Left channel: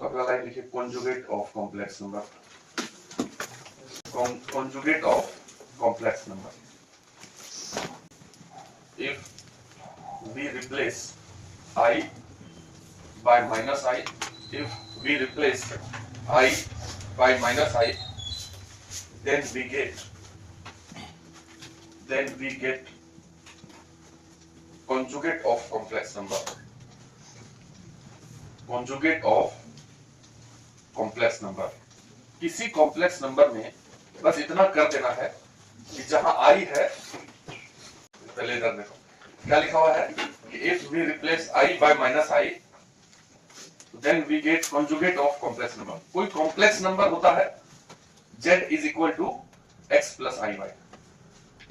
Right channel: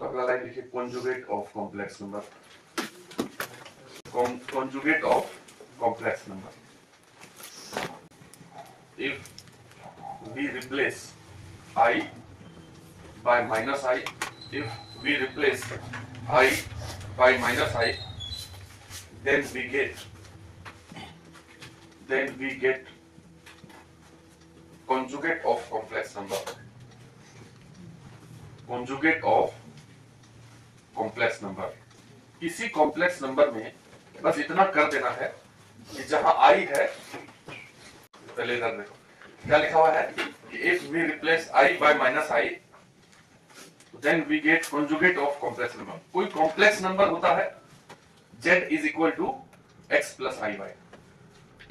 तो अगला लाइन लिखिए conjugate of complex number, conjugate of complex number. If we replace I by minus I, if we replace I by minus I, then we get conjugate of complex number, conjugate of complex number। किसी complex number में बस इतना कर देना है कि जहां I है, पहले इधर देखो क्या लिखा हुआ है कि if we replace I by minus I, then we get conjugate of complex number। कोई कॉम्प्लेक्स नंबर होता है z is equal to x plus i y,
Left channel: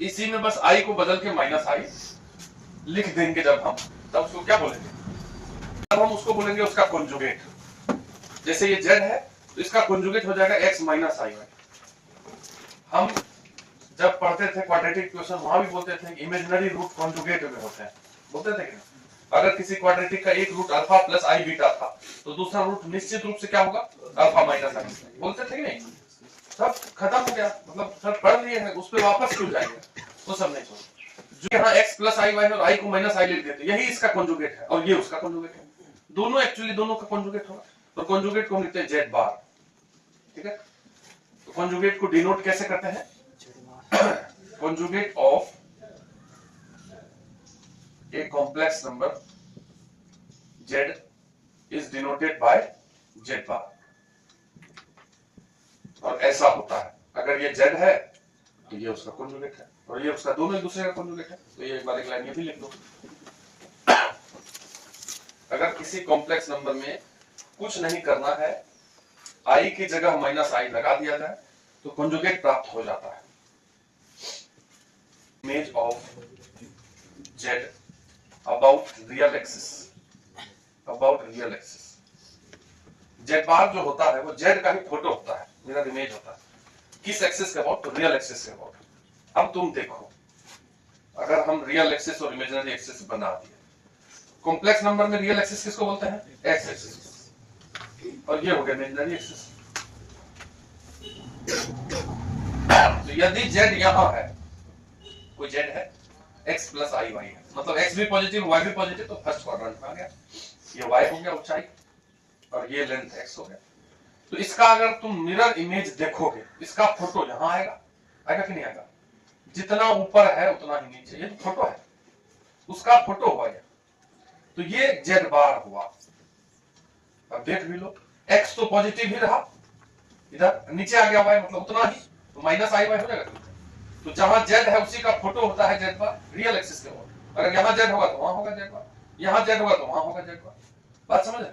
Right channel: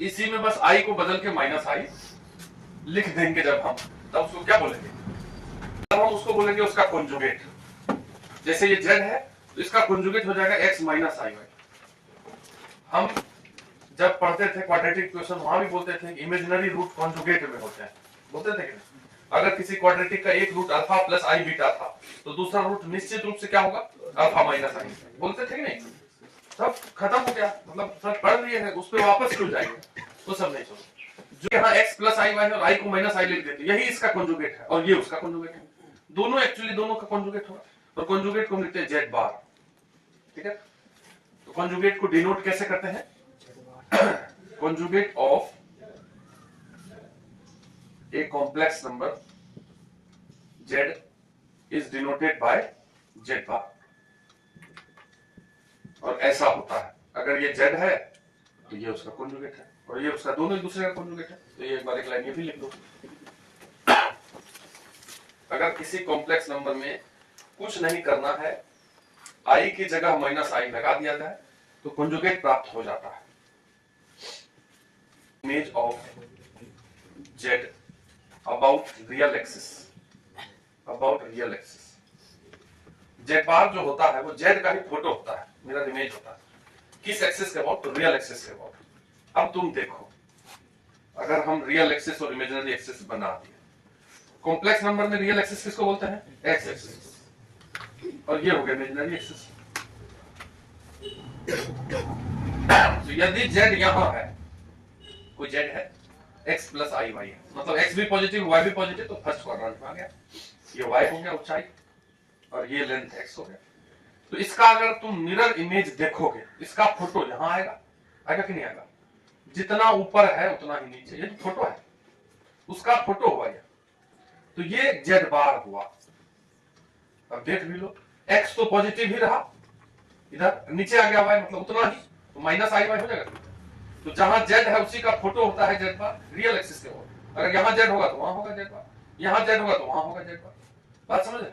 इसी में बस I को बदल के माइनस I लिख देंगे जब हम, तब उसको क्या बोलेंगे, तब हम उसको बोलेंगे उसका कॉन्जुगेट। जैसे ये z है तो इसका कॉन्जुगेट हो जाएगा x माइनस i y। हम जब पढ़ते थे क्वाड्रेटिक इक्वेशन वहां भी बोलते थे इमेजिनरी रूट कॉन्जुगेट में होते हैं, बोलते थे कि नहीं? अगर किसी क्वाड्रेटिक का एक रूट अल्फा प्लस आई बीटा था तो दूसरा रूट निश्चित रूप से क्या होगा, अल्फा माइनस आई, बोलते थे कि नहीं? सब खत्म हो गया, मतलब सब पढ़ लिए हैं, उस पर वापस क्यों जाएंगे, वो सब नहीं छोड़ो। जो यहाँ x प्लस आई वाई और i को माइनस आई लिख देते, यही इसका कॉन्जुगेट है और ये उसका कॉन्जुगेट है। दोनों एक्चुअली दोनों का कॉन्जुगेट होगा, और कॉन्जुगेट को हम लिखते हैं z बार। ठीक है, तो कॉन्जुगेट को डिनोट कैसे करते हैं, conjugate of a complex number z is denoted by z bar। और ऐसा होता है, अगर ये z है तो ये उसका कॉन्जुगेट है और ये उसका, दोनों एक दूसरे का कॉन्जुगेट है। तो ये एक बार एक लाइन ये भी लिख दो। अगर किसी कॉम्प्लेक्स नंबर में कुछ नहीं करना है, i की जगह माइनस i लगा दिया जाए तो कॉन्जुगेट प्राप्त हो जाता है। Image of z about real axis, about real axis। z बार जो होता है वो z का ही फोटो होता है, मिरर इमेज होता है। किस एक्सिस के अबाउट, तो रियल एक्सिस के अबाउट। अब तुम देखो, अगर हम रियल एक्सिस और इमेजिनरी एक्सिस बना दिए, कॉम्प्लेक्स नंबर में रियल एक्सिस किसको बोलते हैं, एक्स एक्सिस, और ये हो गया इमेजिनरी एक्सिस। तो यदि z यहां है, कोई z है, x प्लस आई वाई है, मतलब x भी पॉजिटिव y भी पॉजिटिव, तो फर्स्ट क्वाड्रेंट में आ गया। ये y हो गया ऊंचाई और ये लेंथ x हो गया। तो इसका अगर तुम मिरर इमेज देखोगे, इसका फोटो यहाँ आएगा, आएगा कि नहीं आएगा? जितना ऊपर है उतना ही नीचे, ये फोटो है, उसका फोटो हुआ ये। तो ये z बार हुआ। अब देख भी लो, x तो पॉजिटिव ही रहा, इधर नीचे आ गया y, मतलब उतना ही, तो माइनस आई वाई हो जाएगा। तो जहां z है उसी का फोटो होता है z बार, रियल एक्सिस के ऊपर। अगर यहाँ z होगा तो वहां होगा z बार, यहाँ z होगा तो वहां होगा z बार। बात समझ रहे?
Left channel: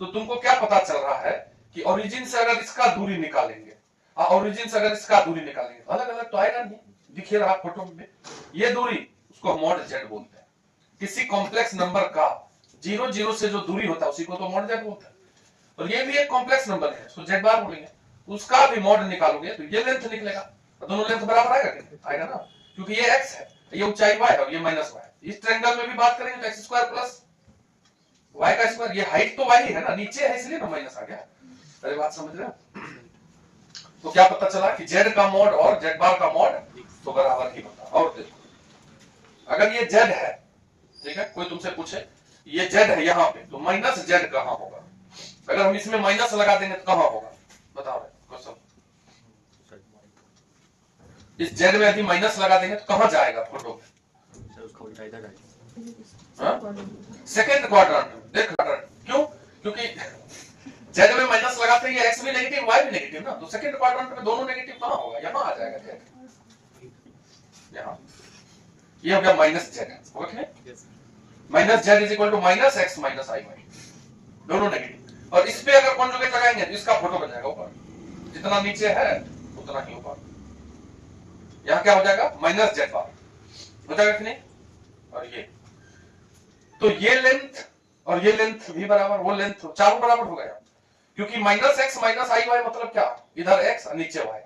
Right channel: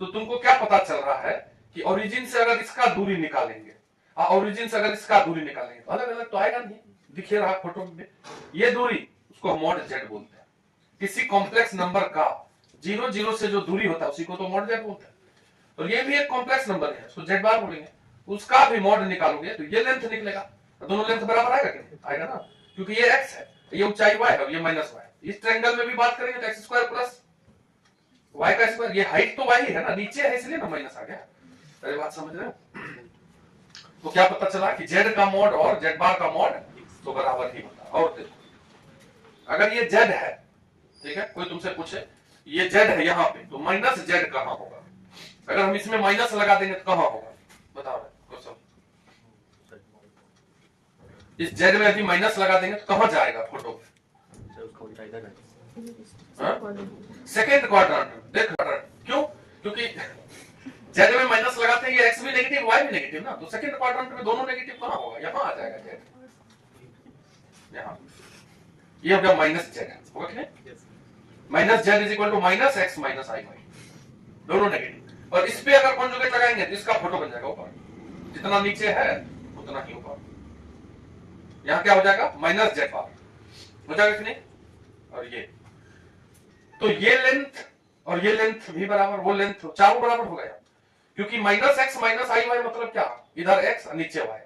तो तुमको क्या पता चल रहा है कि ओरिजिन से अगर इसका दूरी निकालेंगे, ओरिजिन से अगर इसका दूरी निकालेंगे तो अलग अलग तो आएगा नहीं, दिखे रहा फोटो में। ये दूरी उसको मॉड z बोलते हैं। किसी कॉम्प्लेक्स नंबर का 0 0 से जो दूरी होता है उसी को तो मॉड z बोलते हैं। और ये भी एक कॉम्प्लेक्स नंबर है, उसको z बार बोलेंगे। उसका भी मॉड निकालोगे तो ये लेंथ निकलेगा, दोनों लेंथ बराबर आएगा कि नहीं? आएगा ना, क्योंकि ये x है, ये ऊंचाई y है और ये माइनस y। इस ट्रायंगल में भी बात करेंगे तो x स्क्वायर प्लस y का स्क्वायर, ये हाइट तो y ही है ना, नीचे है इसलिए ना माइनस आ गया। अरे बात समझ रहे हो? तो क्या पता चला कि z का मॉड और z बार का मॉड तो बराबर ही होता है। और देखो, अगर ये z है, ठीक है, कोई तुमसे पूछे ये z है यहाँ पे, तो माइनस z कहाँ होगा? अगर हम इसमें माइनस लगा देंगे तो कहाँ होगा, बताओ क्वेश्चन। इस z में यदि माइनस लगा देंगे तो कहां जाएगा फोटो? सेकेंड क्वाड्रेंट में। देख क्यों? क्योंकि z में माइनस लगाते हैं, ये x भी नेगेटिव y भी नेगेटिव ना, तो सेकेंड क्वाड्रेंट में दोनों नेगेटिव कहां होगा? यहां आ जाएगा z, यहां। ये हो गया minus z, okay. Minus z is equal to minus x minus i y, दोनों नेगेटिव। और इस पे अगर कॉन्जुगेट लगाएंगे तो इसका फोटो बन जाएगा ऊपर, जितना नीचे है उतना ही ऊपर। यहाँ क्या हो जाएगा? माइनस z बार हो जाएगा कि नहीं? और ये, तो ये लेंथ और ये लेंथ भी बराबर, वो लेंथ चारों बराबर हो गया, क्योंकि माइनस x माइनस आई वाई मतलब क्या? इधर x और नीचे y,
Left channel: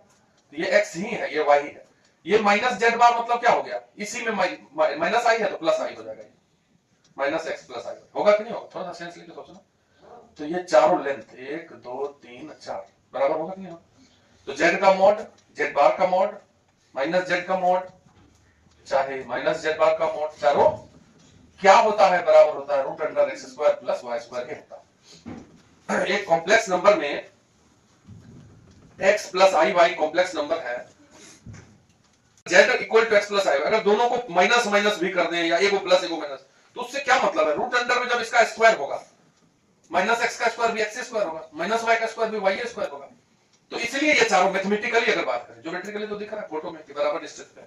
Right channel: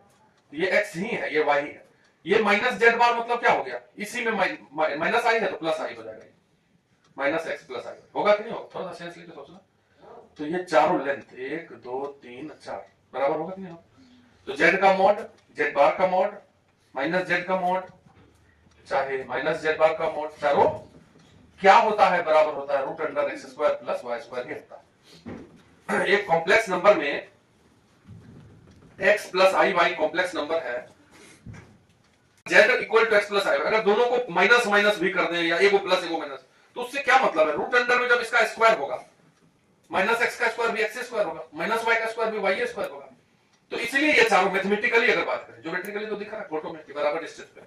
ये x ही है, ये y ही है। ये माइनस z बार मतलब क्या हो गया? इसी में माइनस i है तो प्लस i हो जाएगा, माइनस x प्लस i होगा कि नहीं होगा? थोड़ा सा सेंस लेके सोचना। तो ये चारों लेंथ 1 2 3 4 बराबर होगा कि नहीं? तो z का मॉड, z बार का मॉड माइनस z का मॉड चाहे माइनस z बार का मॉड, चारों क्या होता है? बराबर होता है root under x square plus y square के होता है। एक कॉम्प्लेक्स नंबर में x plus i y complex number है, z equal to x plus i, अगर दोनों को माइनस माइनस भी कर दें या एक को प्लस एक को माइनस, तो उससे क्या मतलब है? रूट अंडर में जब इसका स्क्वायर होगा माइनस एक्स का स्क्वायर भी एक्स स्क्वायर होगा, माइनस वाई का स्क्वायर भी वाई स्क्वायर होगा। तो इसलिए ये चारों मैथमेटिकली अगर बात करें, ज्योमेट्रिकली तो दिख रहा है फोटो में बराबर डिस्टेंस पे,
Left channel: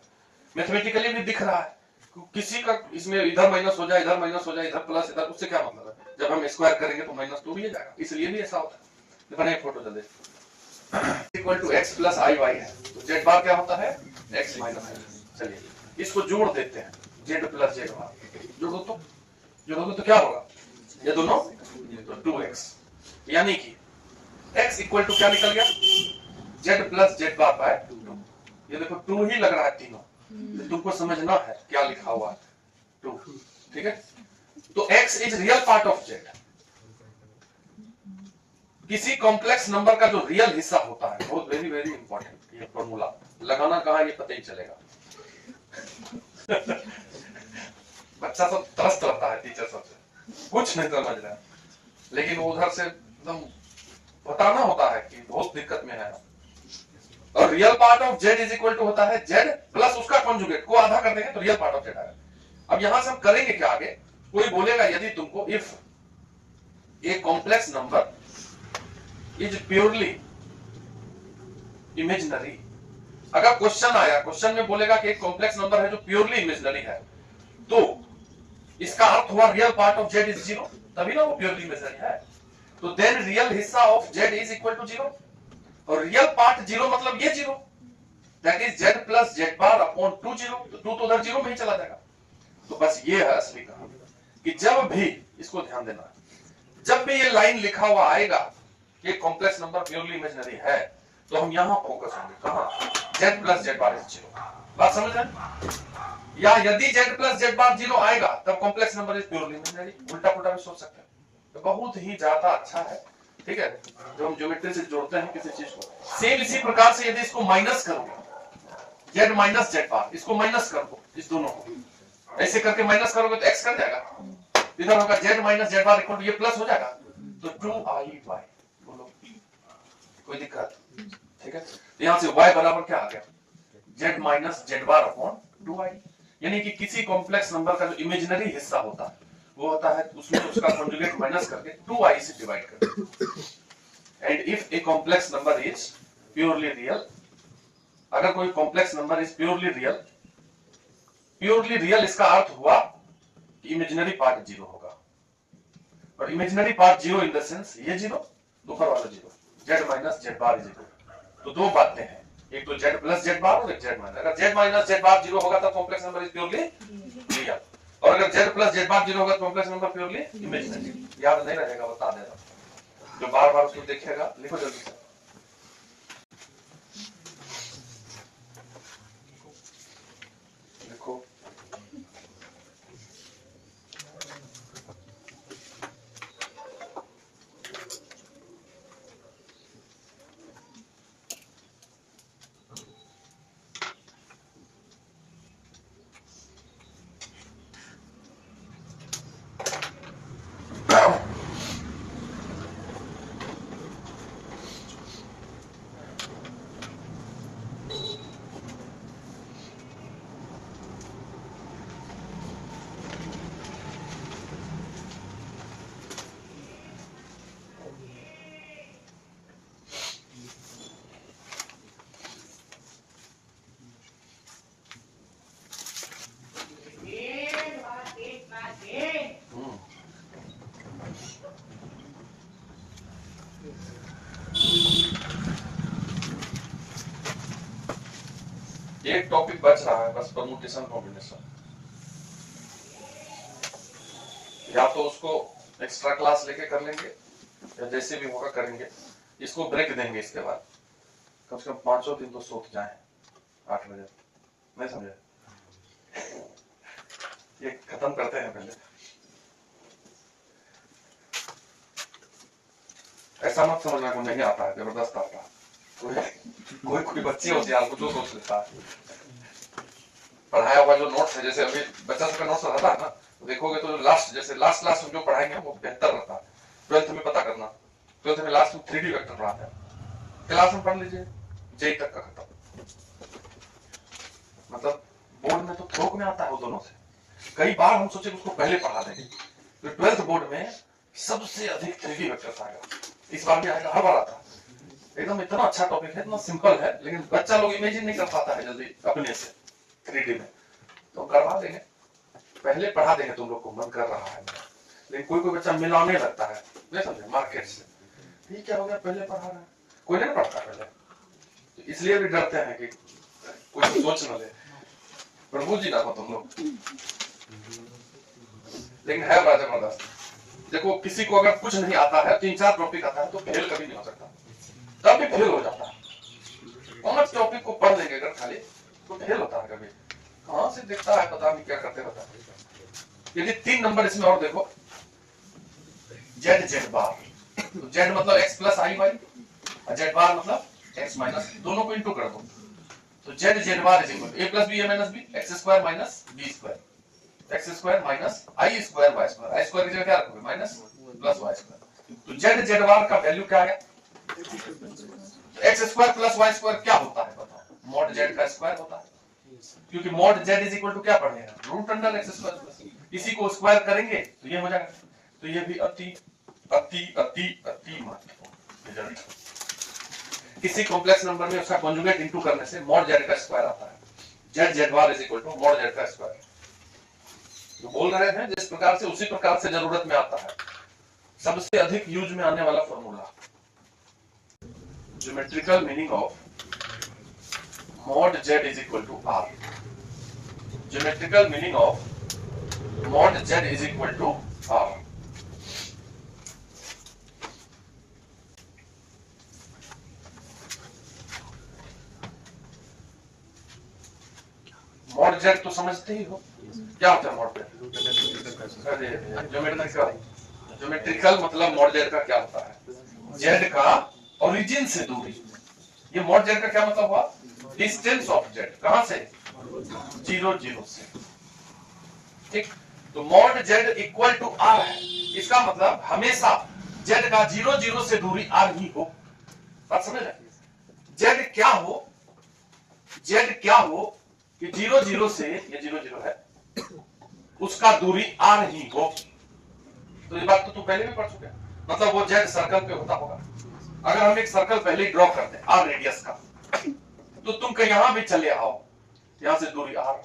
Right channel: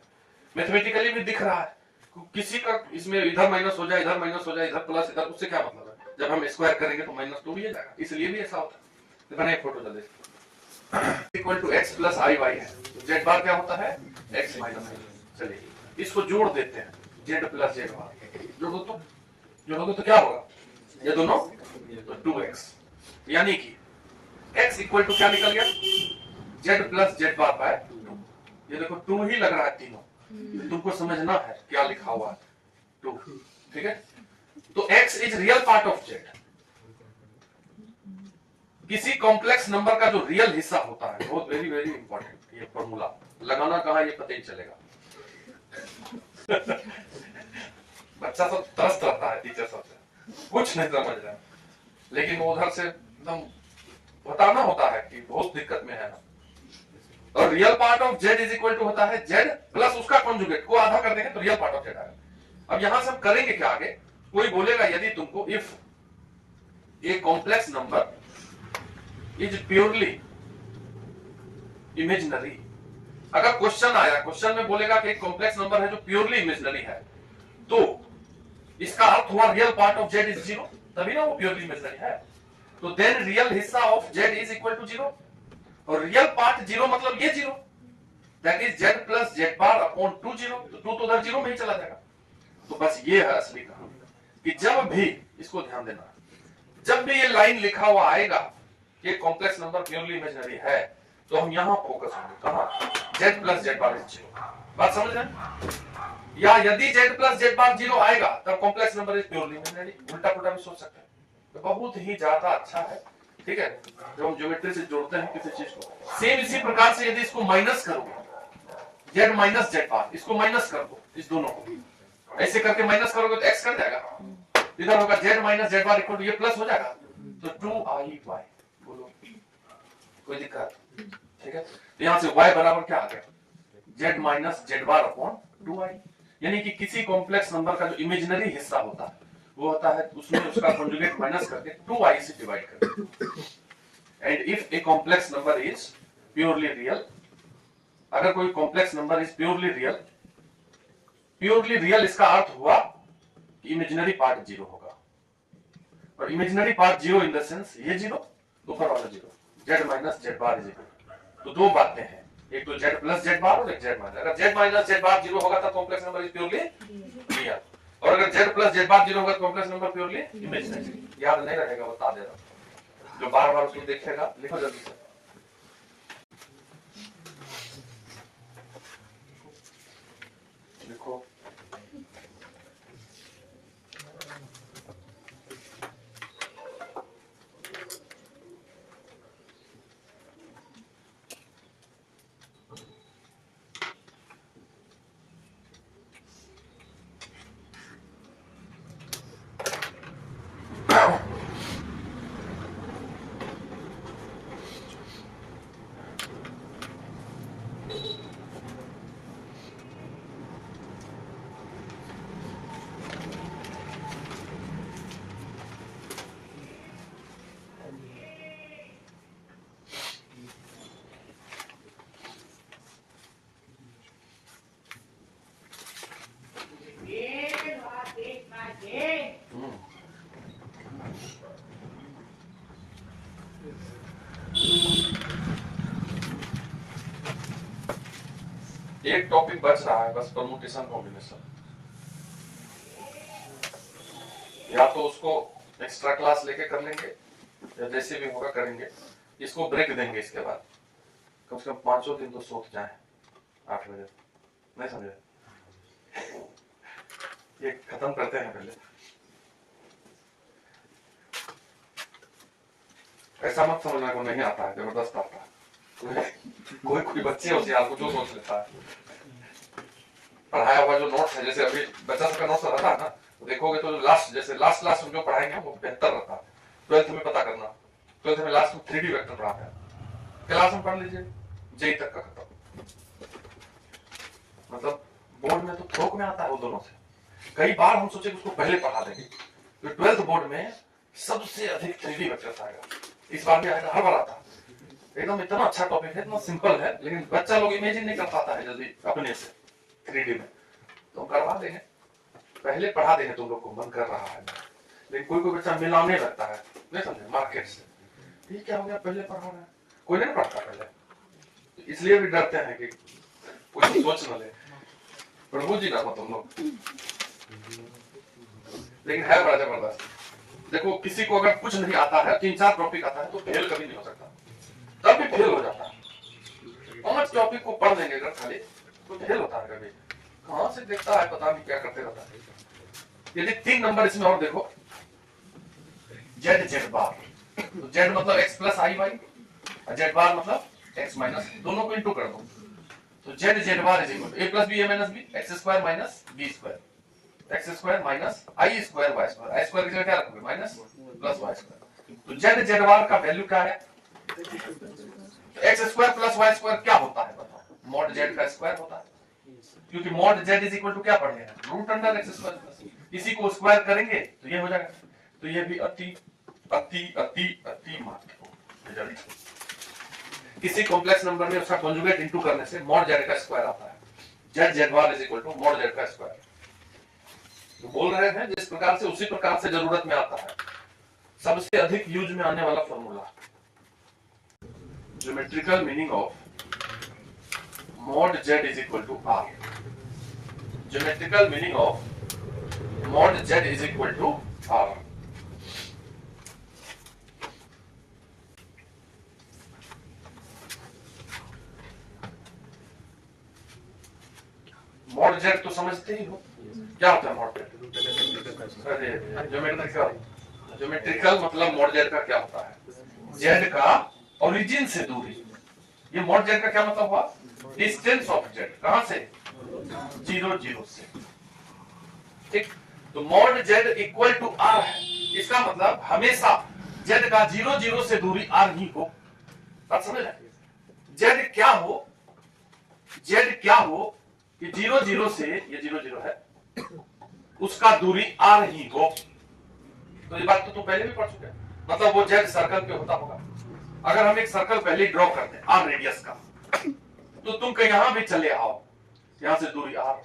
मैथमेटिकली भी दिख रहा है। किसी का इसमें इधर माइनस हो जाए, इधर माइनस हो जाए, इधर प्लस, इधर, उससे क्या मतलब है? जब हम स्क्वायर करेंगे तो माइनस तो भी जाएगा, इसलिए भी ऐसा होता है। तो बने फोटो जल्दी equal to x plus i y है, तो z बार क्या होता है? x minus i. चलिए इसको जोड़ देते हैं, z प्लस z बार जोड़ोगे तो क्या होगा? ये दोनों तो 2x, यानी कि x इक्वल टू क्या निकल गया? z प्लस z बार बाय 2। ये देखो 2 ही लग रहा है तीनों, तुमको समझना है क्या लिखा हुआ है 2, ठीक है? तो x is real part of z। किसी कॉम्प्लेक्स नंबर का जो रियल हिस्सा होता है, बहुत वेरी वेरी इंपॉर्टेंट, ये फॉर्मूला लगाना कहां ये पता ही चलेगा। बच्चा सब त्रस्त रहता है टीचर सबसे, कुछ नहीं समझ रहा है, लेकिन उधर से एकदम बताना होता है कि बहुत दिक्कत में है। और real part of z is equal to होता है z प्लस उसका कॉन्जुगेट को आधा कर देंगे तो रियल पार्ट ऑफ z आएगा। अब यहां से हम करेंगे क्या आगे? कोई बोलेगा यदि तुमको if a complex number is purely imaginary, अगर क्वेश्चन आया, क्वेश्चन में बोलेगा कि एक कॉम्प्लेक्स नंबर है जो प्योरली इमेजिनरी है, तो इसका अर्थ हुआ real part of z is 0, तभी ना वो प्योरली इमेजिनरी है। तो देन रियल हिस्सा of z is equal to 0, और रियल पार्ट 0 मतलब ये 0, that is z plus z bar upon 2 0, तो 2 तो उधर 0 में ही चला जाएगा। तो बस ये है असली कहानी कि जब भी, इसको ध्यान देना, जब भी ये लाइन लिखा हुआ आएगा कि कॉम्प्लेक्स नंबर प्योरली इमेजिनरी है, तो हम यहां फोकस होंगे कहां? z plus z bar is 0। बात समझ रहे? या यदि z प्लस z बार 0 आएगा तब complex number is purely imaginary, उल्टा पुल्टा भी सोच सकते हैं। तो बहुत ही ज्यादा अच्छा है, ठीक है? जब हम ज्योमेट्री से जोड़ते हैं किसी चीज को, सेम इसी प्रकार से यदि इसको माइनस करोगे, z माइनस z बार, इसको माइनस कर दो, इस दोनों को ऐसे करके माइनस करोगे तो x कट जाएगा, इधर होगा z minus z bar equal to ये प्लस हो जाएगा, तो 2i y। बोलो कोई दिक्कत? ठीक है, तो यहां से y बराबर क्या आ गया? z minus z bar upon 2i। यानी कि किसी कॉम्प्लेक्स नंबर का जो इमेजिनरी हिस्सा होता है वो होता है उसमें उसका कॉन्जुगेट माइनस करके 2i से डिवाइड करके। And if a complex number is purely real, अगर कोई complex number is purely real, purely real इसका अर्थ हुआ कि इमेजिनरी पार्ट 0 होगा, और imaginary part 0 in the sense ये 0, ऊपर वाला 0, z minus z bar is equal. तो दो बातें हैं, एक तो z प्लस z बार और एक z माइनस। अगर z माइनस z बार 0 होगा तब complex number is purely real, और अगर z प्लस z बार 0 होगा तो कॉम्प्लेक्स नंबर प्योरली इमेजिनरी। याद नहीं रहेगा, बता दे रहा हूं, जो बार बार उसको देखेगा लिखो जल्दी से। लिखो एक टॉपिक बच रहा है बस, परमुटेशन कॉम्बिनेशन। या तो उसको एक्स्ट्रा क्लास लेके कर लेंगे या जैसे भी होगा करेंगे, इसको ब्रेक देंगे इसके बाद, कम से कम 5 दिन तो सोच जाए 8 बजे, नहीं समझे? ये खत्म करते हैं पहले। ऐसा मत समझना को नहीं आता है, जबरदस्त आता है। कोई बच्चे होते हैं आपको जो सोच लेता है। पढ़ाया हुआ जो नोट्स है, जैसे अभी बच्चा सबका नोट्स रहता है ना, तो देखोगे तो लास्ट जैसे लास्ट क्लास में जो पढ़ाएंगे वो बेहतर रहता है। 12th में पता करना, 12th में लास्ट में 3D वेक्टर पढ़ाते हैं, क्लास में पढ़ लीजिए, जेई तक का खत्म। मतलब बोर्ड में तो थोक में आता है वो दोनों से। कई बार हम सोचे उसको पहले पढ़ा देंगे, तो 12th बोर्ड में सबसे अधिक 3D वेक्टर्स आएगा। इस बार भी आएगा, हर बार आता है। एकदम इतना अच्छा टॉपिक है, इतना सिंपल है, लेकिन बच्चा लोग इमेजिन नहीं कर पाता है जल्दी अपने से 3D में। तो करवा देंगे, पहले पढ़ा देंगे, तुम लोग को मन कर रहा है। लेकिन कोई बच्चा मिलाने लगता है, नहीं समझे, मार्केट से। ठीक क्या हो गया, पहले पढ़ा रहे हैं, कोई नहीं पढ़ता पहले, तो इसलिए भी डरते हैं कि कोई सोच न ले, प्रभु जी ना हो तुम लोग। लेकिन है बड़ा जबरदस्त। देखो किसी को अगर कुछ नहीं आता है, 3-4 टॉपिक आता है, तो फेल कभी नहीं हो सकता, तब भी फेल हो जाता है। 5 टॉपिक को पढ़ देंगे अगर खाली, तो फेल होता है कभी। कहां से देखता है, पता नहीं क्या करते रहता है। यदि 3 नंबर इसमें और देखो, जेड जेड बार, तो जेड मतलब एक्स प्लस आई वाई, और जेड बार मतलब एक्स माइनस, दोनों को इंटू कर दो, तो z z bar is equal to a plus b a minus b, x square minus b square, x square minus i square y square, i square की जगह क्या रखोगे, माइनस प्लस वाई स्क्वायर। तो z z bar का value क्या है, x square plus y square क्या होता है बताओ, मॉड जेड का स्क्वायर होता है, क्योंकि mod z is equal to क्या पढ़े हैं, root under x square plus, इसी को स्क्वायर करेंगे तो ये हो जाएगा। तो ये भी अति अति अति अति महत्वपूर्ण रिजल्ट। किसी कॉम्प्लेक्स नंबर में उसका कॉन्जुगेट इनटू करने से मॉड जेड का स्क्वायर आता है, z z bar is equal to mod z का स्क्वायर। तो बोल रहे हैं जिस प्रकार से उसी प्रकार से जरूरत में आता है, सबसे अधिक यूज में आने वाला formula, geometrical meaning of mod z is equal to r, geometrical meaning of mod z is equal to r। mod z तो समझते ही हो, क्या होता है mod z? अरे ज्योमेट्रिकल मतलब mod z का क्या होता है, z का ओरिजिन से दूरी। ये mod z का क्या मतलब हुआ, डिस्टेंस ऑफ z, कहां से, 0 0 से। ठीक, तो mod z equal to r है, इसका मतलब हमेशा z का 0 0 से दूरी r ही हो। बात समझ रहे, z क्या हो, z क्या हो कि 0 0 से, ये 0 0 है, उसका दूरी r ही हो। तो ये बात तो तुम पहले भी पढ़ चुके हैं, मतलब वो z सर्कल पे होता होगा। अगर हम एक सर्कल पहले ड्रॉ करते हैं r रेडियस का, तो तुम कहीं यहां भी चले आओ, यहां से दूरी r,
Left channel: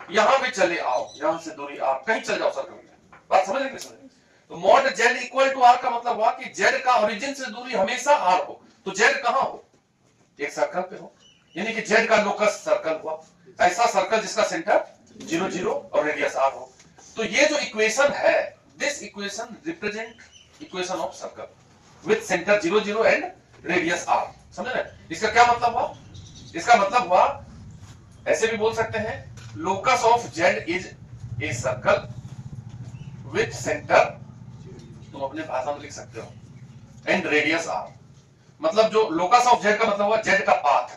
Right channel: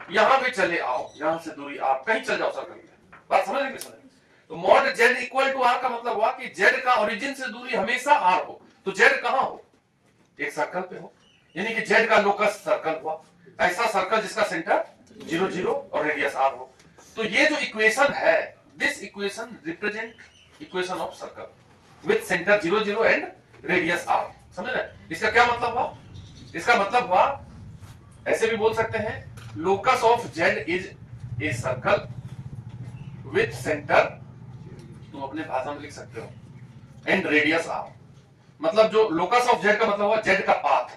यहां भी चले आओ, यहां से दूरी r, कहीं चल जाओ सर्कल में। बात समझ रहे हैं? तो mod z equal to r का मतलब हुआ कि z का ओरिजिन से दूरी हमेशा r हो। तो z कहां हो, एक सर्कल पे हो, यानी कि z का लोकस सर्कल हुआ, ऐसा सर्कल जिसका सेंटर 0 0 और रेडियस r हो। तो ये जो इक्वेशन है, this equation represent equation of circle with centre 0 0 and radius r। समझ रहे? इसका क्या मतलब हुआ, इसका मतलब हुआ, ऐसे भी बोल सकते हैं, locus of z is a circle with centre, तुम अपने भाषा में लिख सकते हो, एंड रेडियस r। मतलब जो लोकस ऑफ z का मतलब हुआ z का पाथ,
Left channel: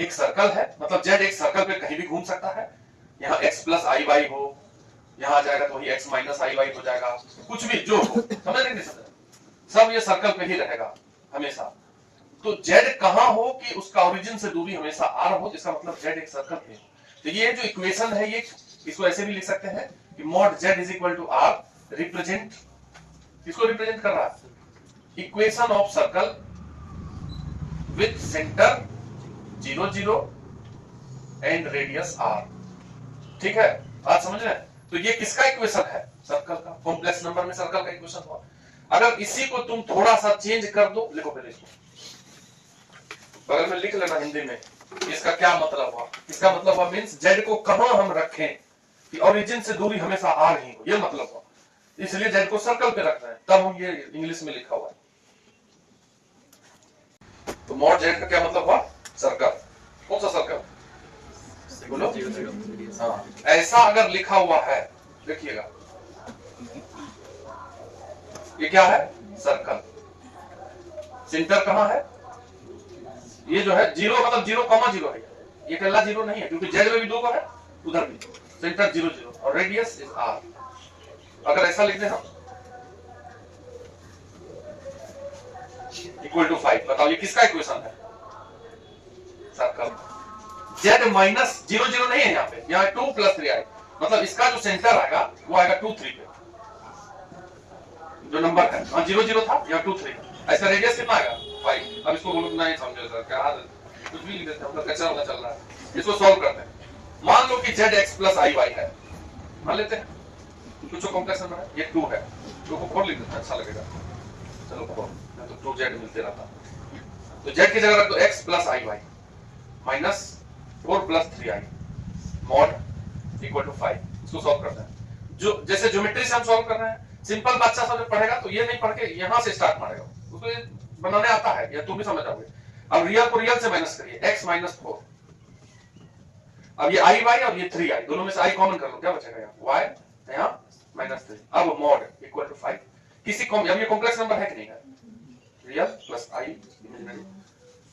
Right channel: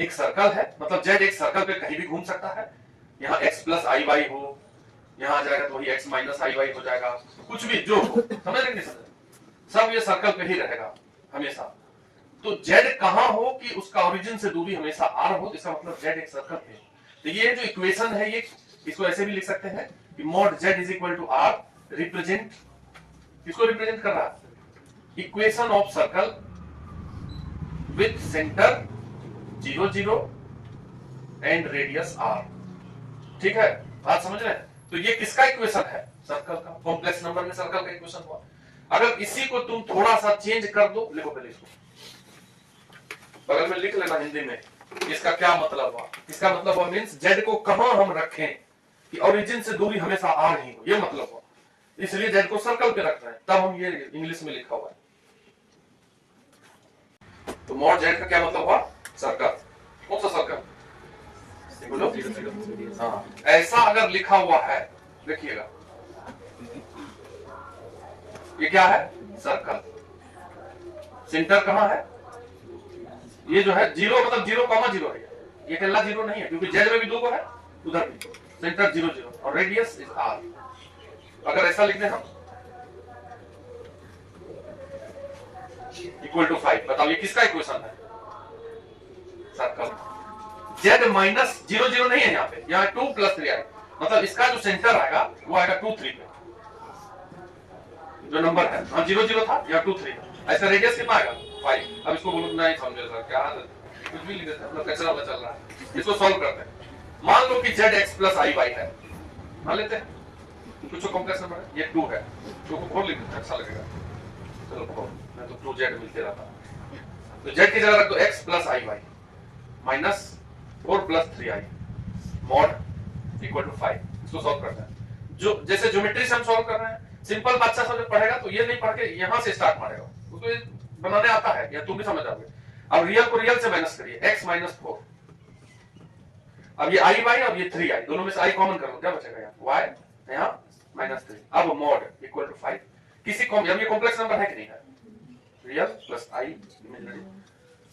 एक सर्कल है, मतलब z एक सर्कल पे कहीं भी घूम सकता है, यहाँ x प्लस आई वाई हो, यहाँ आ जाएगा तो वही x माइनस आई वाई हो जाएगा, कुछ भी जो हो, समझ रहे, सब ये सर्कल पे ही रहेगा हमेशा। तो z कहां हो कि उसका ओरिजिन से दूरी हमेशा r हो, इसका मतलब z एक सर्कल है। तो ये जो इक्वेशन है, ये इसको ऐसे भी लिख सकते हैं कि mod z is equal to r represent, किसको रिप्रेजेंट कर रहा है, equation of circle with centre 0 0 and radius r। ठीक है, बात समझ रहे हैं? तो ये किसका इक्वेशन है, सर्कल का, कॉम्प्लेक्स नंबर में सर्कल का इक्वेशन हुआ। अगर इसी को तुम थोड़ा सा चेंज कर दो, लिखो पहले इसको बगल में लिख लेना हिंदी में, इसका क्या मतलब हुआ, इसका मतलब हुआ मींस z को कहां हम रखें कि ओरिजिन से दूरी हमेशा r नहीं हो, ये मतलब हुआ, इसलिए z को सर्कल पे रखना है, तब हम ये इंग्लिश में लिखा हुआ है। तो मॉड z का क्या मतलब हुआ, सर्कल। कौन सा सर्कल बोलो, हाँ, ऐसा अगर लिखा हुआ है, देखिएगा ये क्या है, सर्कल। सेंटर कहां है? ये जो है जीरो मतलब 0,0 है, ये अकेला जीरो नहीं है क्योंकि जेड में भी 2 है, उधर भी सेंटर 0 0 और रेडियस इज आर। अगर ऐसा लिख दें हम इक्वल टू 5, बताओ ये किसका इक्वेशन है? सर्कल। जेड माइनस 0 0 नहीं है यहाँ पे, यहाँ 2 + 3 आएगा, मतलब इसका जो सेंटर आएगा वो आएगा 2 3 पे, जो नंबर है 0 0 था या 2 3, ऐसा रेडियस कितना आएगा 5। अब इसको बोलो नहीं समझे सर क्या कुछ भी लिख देते हम लोग, कैसे वाला चल रहा है, इसको सॉल्व करते हैं। मान लो कि zx + iy है, मान लेते हैं कुछ कॉम्प्लेक्स नंबर है, ये 2 है, 2 को 4 लिख देते हैं, अच्छा लगेगा। चलो 4, मैं तो 2z मिलते रहता, तो z की जगह रख दो x + iy minus 4 + 3i mod = 5। इसको सॉल्व करते हैं, जो जैसे ज्योमेट्री से हम सॉल्व कर रहे हैं, सिंपल बच्चा सब पढ़ेगा तो ये नहीं पढ़ के यहां से स्टार्ट मारेगा, उसको बनाने आता है या तुम भी समझ जाओगे। अब रियल को रियल से माइनस करिए, x - 4, अब ये i y और ये 3i, दोनों में से i कॉमन कर लो, क्या बचेगा यहाँ y यहाँ -3, अब mod = 5। किसी अब ये कॉम्प्लेक्स नंबर है कि नहीं है? Real plus i imaginary,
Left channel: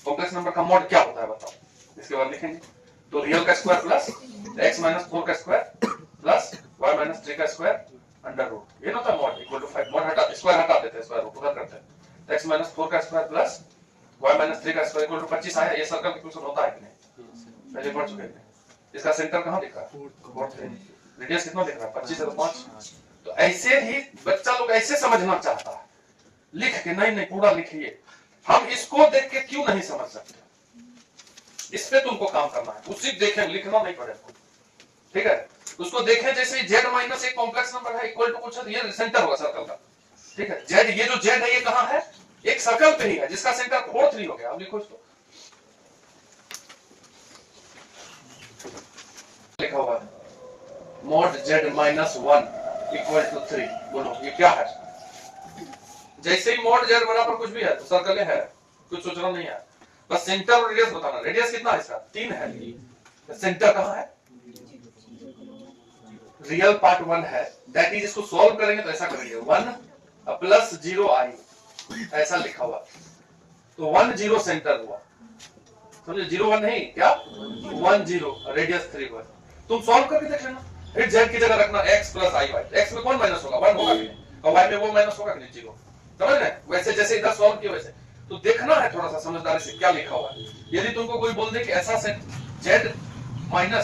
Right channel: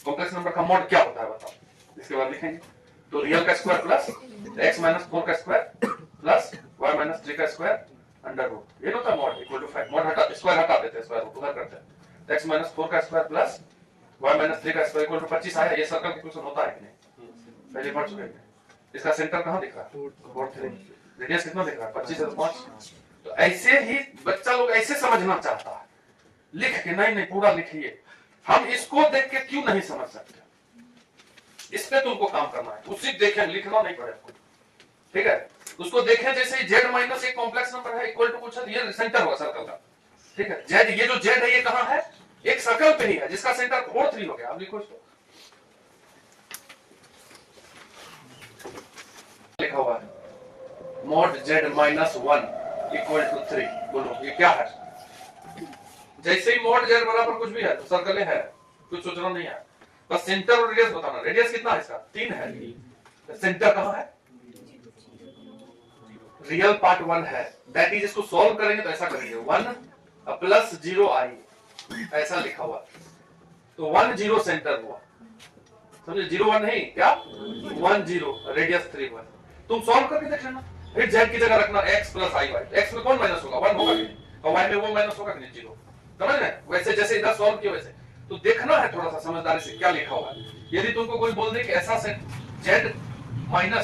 complex number का मॉड क्या होता है बताओ, इसके बाद लिखेंगे। तो रियल का स्क्वायर प्लस x - 4 का स्क्वायर प्लस y - 3 का स्क्वायर अंडर रूट, ये होता है मॉड = 5। मॉड हटा, स्क्वायर हटा देते हैं, स्क्वायर रूट उधर करते हैं, x - 4 का स्क्वायर प्लस y - 3 का स्क्वायर = 25 आया। ये सर्कल का इक्वेशन होता है कि नहीं? पहले पढ़ चुके हैं। इसका सेंटर कहां दिख रहा है? 4 रेडियस कितना दिख रहा है? 25 और 5। तो ऐसे ही बच्चा लोग ऐसे समझना चाहता है, लिख के नहीं पूरा लिखिए। हम इसको देख के क्यों नहीं समझ सकते? इस पे तुमको काम करना है, उसी देखें, लिखना नहीं पड़ेगा, ठीक है? उसको देखें जैसे z माइनस एक कॉम्प्लेक्स नंबर है इक्वल टू कुछ है, ये सेंटर होगा सर्कल का, ठीक है? z, ये जो z है ये कहां है? एक सर्कल पे ही है जिसका सेंटर 4 3 हो गया। अब लिखो इसको, लिखा हुआ है mod z - 1 = 3। बोलो ये क्या है? जैसे ही mod z बराबर कुछ भी है तो सर्कल है, कुछ सोचना नहीं है, बस सेंटर और रेडियस बताना। रेडियस कितना है इसका? 3 है, तो सेंटर कहां है? रियल पार्ट 1 है, दैट इज इसको सॉल्व करेंगे तो ऐसा करेंगे 1 + 0i, ऐसा लिखा हुआ, तो 1 0 सेंटर हुआ, समझे? 0 1 नहीं, क्या 1 0, रेडियस 3 1। तुम सॉल्व करके देख लेना, फिर z की जगह रखना x + iy, x में कौन माइनस होगा? 1 होगा कि नहीं, और y में वो माइनस होगा कि नहीं? 0। समझ रहे? वैसे जैसे इधर सॉल्व किया वैसे तो देखना है थोड़ा सा समझदारी से क्या लिखा हुआ है। यदि तुमको कोई बोल दे कि ऐसा से z - 2i =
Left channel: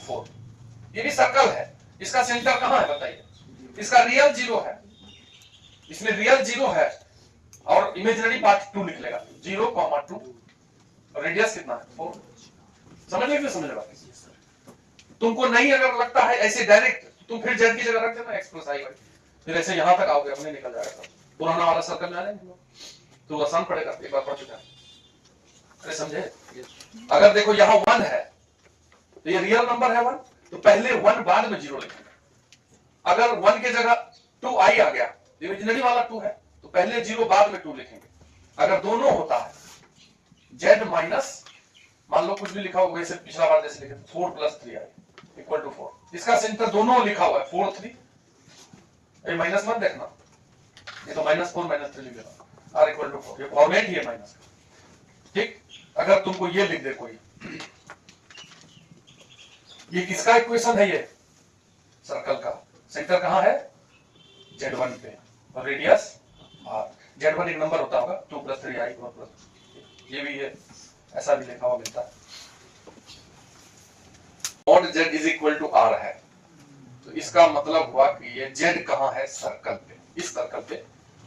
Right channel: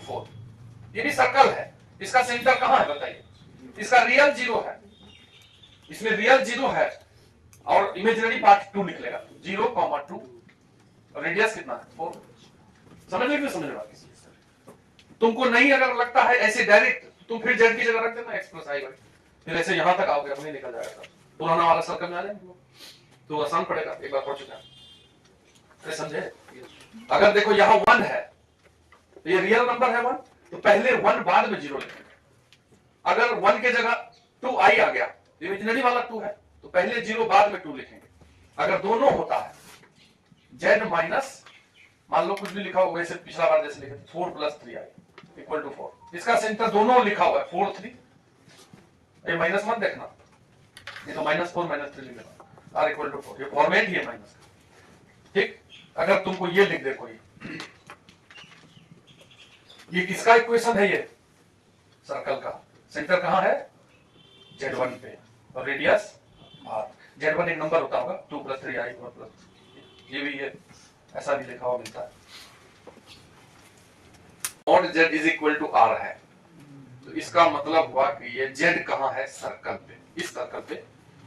4, ये भी सर्कल है, इसका सेंटर कहां है बताइए? इसका रियल 0 है, इसमें रियल 0 है और इमेजिनरी पार्ट 2 निकलेगा, 0,2, रेडियस कितना है? 4। समझ में क्यों समझ रहे? तुमको नहीं अगर लगता है ऐसे डायरेक्ट, तुम फिर z की जगह रख देना x + iy, फिर ऐसे यहां तक आओगे, अपने निकल जाएगा, पुराना वाला सर्कल में आ जाएंगे तो आसान पड़ेगा, एक बार पढ़ चुका है, अरे समझे? अगर देखो यहाँ 1 है तो ये रियल नंबर है 1, तो पहले 1 बाद में 0 लिखेंगे। अगर 1 की जगह 2i आ गया, इमेजिनरी वाला 2 है, तो पहले 0 बाद में 2 लिखेंगे। अगर दोनों होता है z माइनस, मान लो कुछ भी लिखा हो वैसे पिछला बार जैसे लिखे 4 + 3i = 4, इसका सेंटर दोनों लिखा हुआ है 4 3, ये माइनस मत देखना, ये तो -4 -3 लिख देना, r = 4, ये फॉर्मेट ही है माइनस का, ठीक? अगर तुमको ये लिख दे कोई, ये किसका इक्वेशन है? ये सर्कल का सेंटर कहां है? z1 पे, और रेडियस r। z1 एक नंबर होता होगा, 2 + 3i प्लस ये भी है, ऐसा भी लिखा हुआ मिलता है। mod z = r है, तो इसका मतलब हुआ कि ये z कहां है? सर्कल पे, इस सर्कल पे,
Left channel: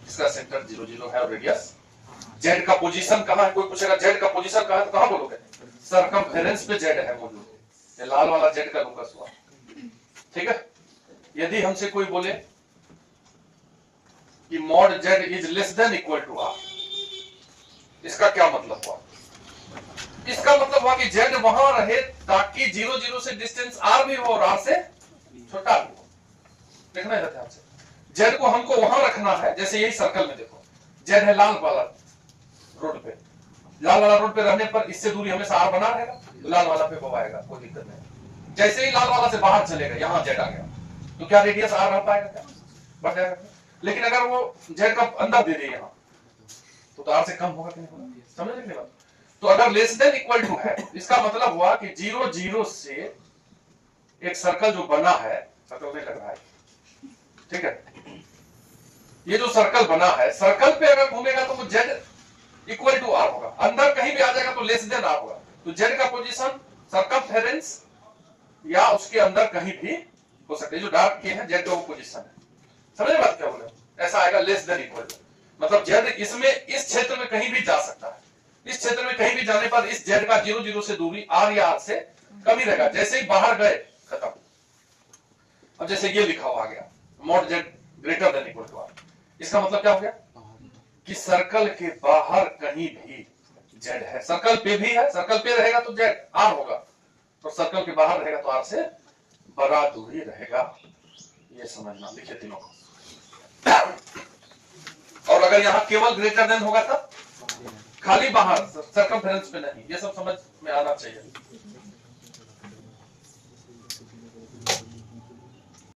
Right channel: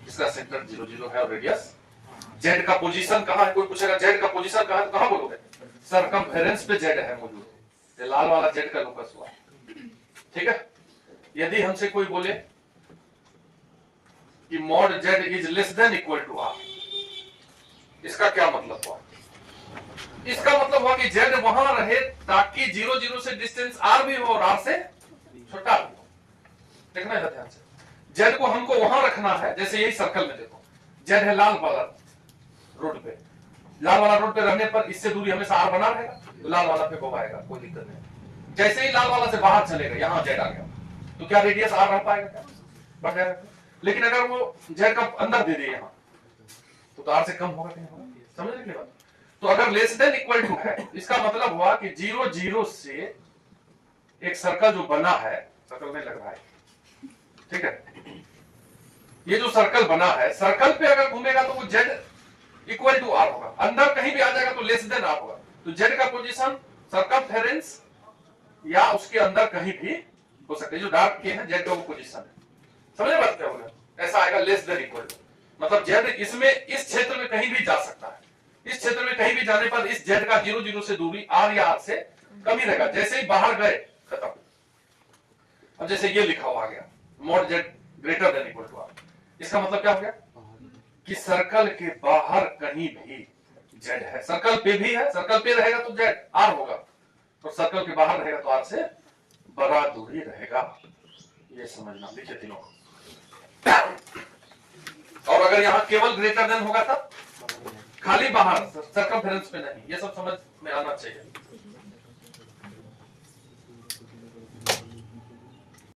इसका सेंटर 0 0 है और रेडियस। z का पोजीशन कहां है? कोई पूछेगा z का पोजीशन कहां है तो कहां बोलोगे? सर्कमफेरेंस पे z है मौजूद, ये लाल वाला z का लोकस हुआ, ठीक है? यदि हमसे कोई बोले कि mod z ≤ r, इसका क्या मतलब हुआ? इसका मतलब हुआ कि z वहां रहे ताकि 0 0 से डिस्टेंस r भी हो और r से छोटा भी हो। देखना है ध्यान से, z को हमको वहां रखना है, जैसे यही सर्कल में देखो z है लाल वाला रोड पे, लाल वाला रोड पे रहने पर इससे दूरी हमेशा r बना रहेगा, तो लाल वाला पे वो आएगा, कोई दिक्कत नहीं। जैसे ही लाल वाला से बाहर चलेगा, यहां z आ गया, तो क्या रेडियस r बढ़ पाएगा? क्या बढ़ जाएगा? लेकिन अगर वो z का अंदर दे दे, यहाँ तो आर से कम होगा कि नहीं होगा, समझ रहे बात। तो अगर लेस देन इक्वल टू है, इसका मतलब हुआ कि 0 0 से एक सर्कल जो बना है, सर्कल में लग रहा है, ठीक है, ये जो सर्कल बना है, सर्कल पे अगर घूमेगा तो वो z इक्वल टू आर होगा, अंदर कहीं भी आ जाएगा तो लेस देन आर होगा। तो z का पोजीशन सर्कमफेरेंस या उसके अंदर कहीं भी हो सकता है, जो डार्क के है z का वो पोजीशन है, समझ बात क्या बोल रहे, ऐसा आएगा लेस देन इक्वल टू, मतलब z इसमें इस क्षेत्र में कहीं भी जा सकता है, इस क्षेत्र में कहीं भी जाने पर इस z का 0 0 से दूरी r या r से कम ही रहेगा, जैसे ही बाहर गए खत्म। अब जैसे ये लिखा हुआ आ गया mod z greater than equal to r, इसका मतलब क्या हो गया कि सर्कल के बाहर कहीं भी z है, सर्कल पे भी है, सर्कल पे रहेगा तो z r होगा, और सर्कल के बाहर रहेगा तो r से बड़ा दूरी रहेगा, ये समझना, लिखिए तीनों। और अगर यहां केवल ग्रेटर देन होगा तब खाली बाहर, सर्कमफेरेंस पे नहीं, ये सब समझ में आना चाहिए।